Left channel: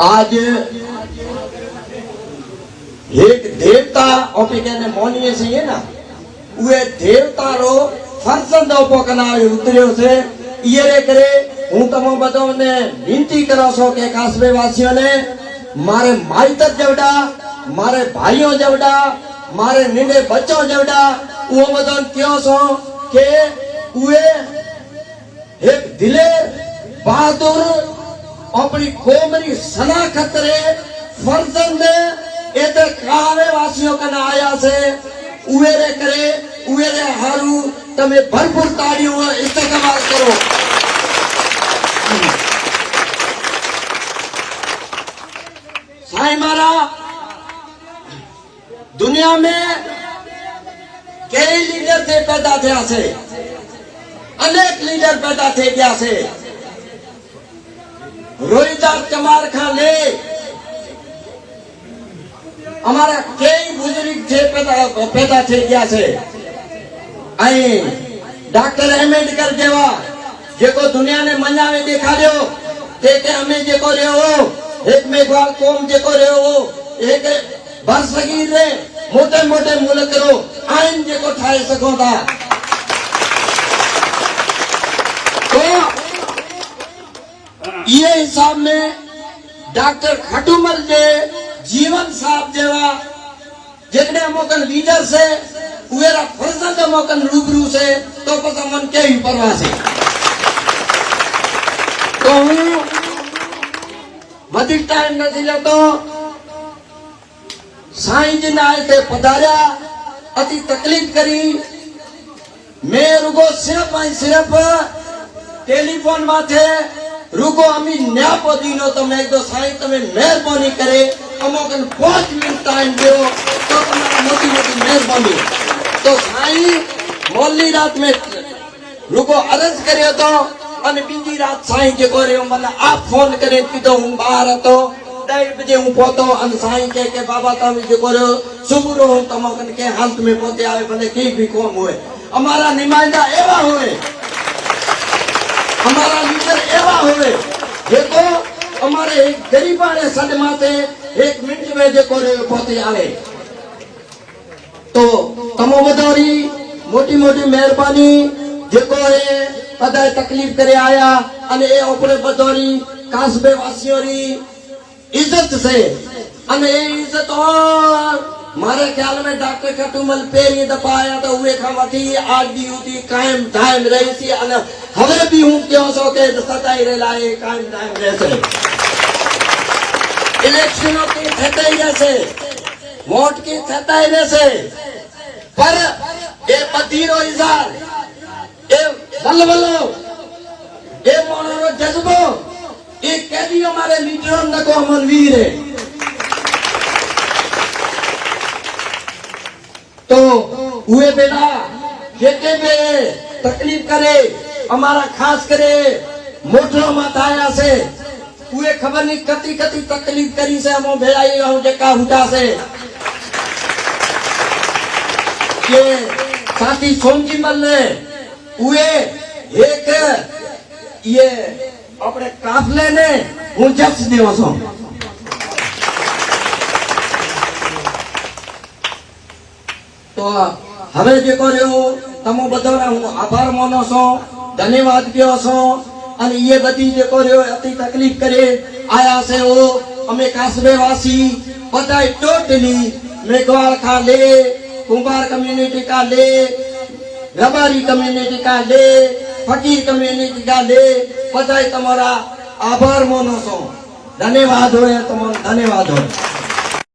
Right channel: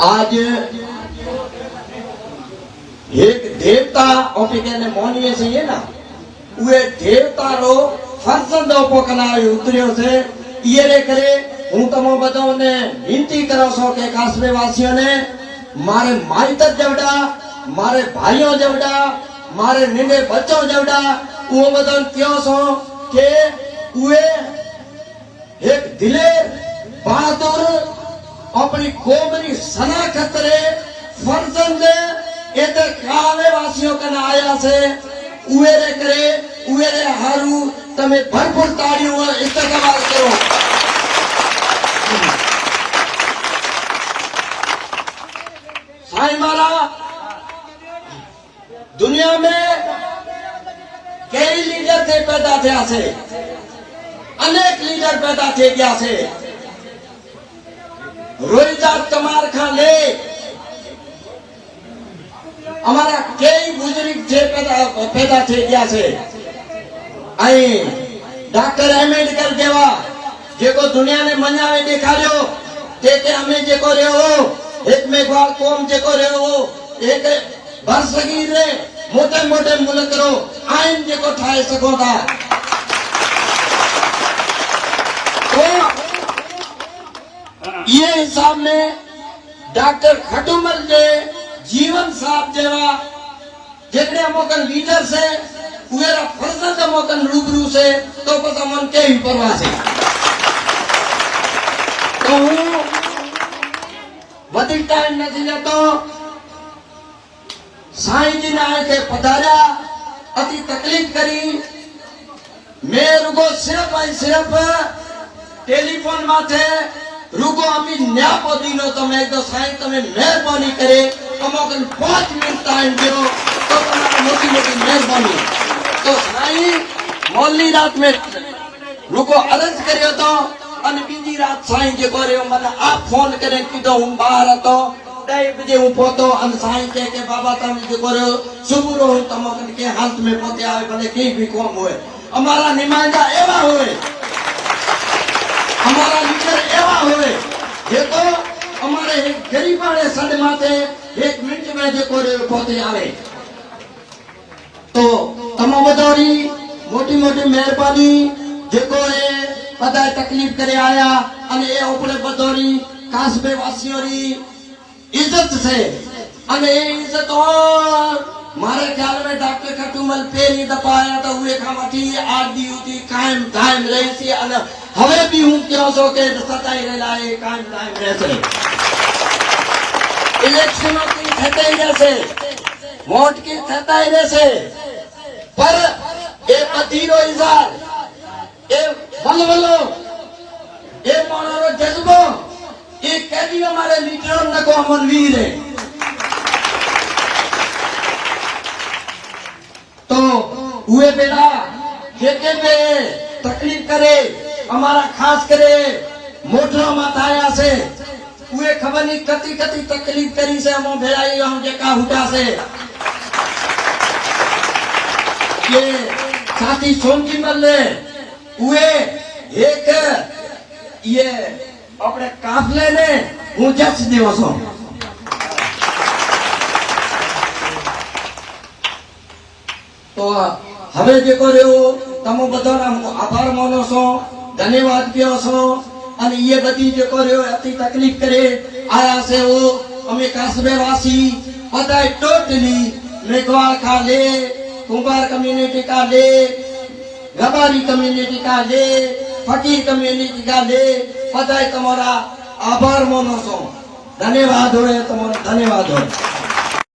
आज एक देवता ने मोनवे से ना वे देवता रो फर्जंद पकनाने उतरियो से ये करे हूँ तमो बधो ने विनती करो छो के कासबे वासियों ने मारे माइतर जवड़ा मारे भाइयों जवड़ा मारे निंदे बच्चों जवड़ा वो बधो क्यों छो के वे एक दिले बहादुर अपनी कोमरी शनाखत रे फर्जंद इधर कावे वासियों का ना आया से उवेरे करे उवेरे हारू तमे भरपूर ताड़ियों इस्तेमाल करो। साईं मारा दुनिया में कई लीडर थे पैदा थे से अनेक लीडर पैदा थे गया से रोहिदास चमार खान ले हमारा कई बुजुर्ग थे पैदा थे गया से डॉक्टर अम्बेडकर जेवा जेको दुनिया ने मजा में देखा रहो ते हमें जेको रहो एक मेघवाल कौम जेको रहो एक बरसगीर रे मोटे मोटे मुल्क रो आइन जेको ठाए सको था तो ये हिसाब में डॉक्टर खटूमल ने जीवन साहब जेवा जितने मोकन लीडर से उवेरा फर्जंद मोकन रूबरू से तो पता मन के ही परवाह से तो वधिक टाइम नहीं लेतो साईं जी ने आए थे पधारा अति तकलीफ करी मैं रुको सिर्फ टेलीफोन में थे रुको अमी न्या पदीनो तो मैं तो साईं तमें मेहरबानी करे अमोकन 5 मिनट टाइम दो तो मोटी मोटी मेहरबानी तो साईं मोली रात में रुको अर्ज करे तो अन बीजी रात साईं जे को रे मन आप फोन करे पीतो हूं बाहर तो 2 बजे हूं पोतो अन साईं के बाबा तम जे को रे सुबह रो तमोकन के हालत में पोते आवे भले की भी कौन होए हमारा नुमाइंदा एवा होए हमारा लीडर एवा होए देखो हमारे गरीबा ने सद माते 1 मिनट में जे को रे पोते आवे तो तमो बदौरी मोटी मोटी मेहरबानी जेको है पता तकलीफ करे आया अने ए ओपले बदौरी कासबे वासियों री इज्जत से अने ए इज्जत और मारे ख्याल में डॉक्टर खटूमल पहली दफा आया तो हुए खा वठी आज दी उठी कायम दायम रही सी अने हवे भी हूं क्यों सो के सदाई रे लाए कायम दायम रहे से इलेक्शनों के थताई रहे से वोट के थताई रहे से पर ए पतीरो इजार ए बल्लो ए मोरो जज्बो ये कैदी हमारे लीडरों ने को अमन वीर है तो हुए बेटा जेके भी तकलीफ करे हमारा खास करे मोटरो मत आया से हुए खबर नहीं कति कति तकलीफ करी से हम भेड़ाई हूं जेका हुटा से ये साथी सोमजी मल्ले हुए एक ये अपने काफले ने हूँ जस दियो सो तो हमें देखो रहो तमो बदोरा हूँ आभार मानो सो धन्यवाद कियो सो अने ये बदी देखो रहो अति तकलीफ करे आया से वो हमें कासबे वासी बताए टोटली मेघवाल खा ले कुंभार कम्युनिटी का ले रबारी कम्युनिटी का ले फकीर कम्युनिटी का ले बताए तुम्हारा आभार मानो सो धन्यवाद हो तुम्हारा धन्यवाद हो।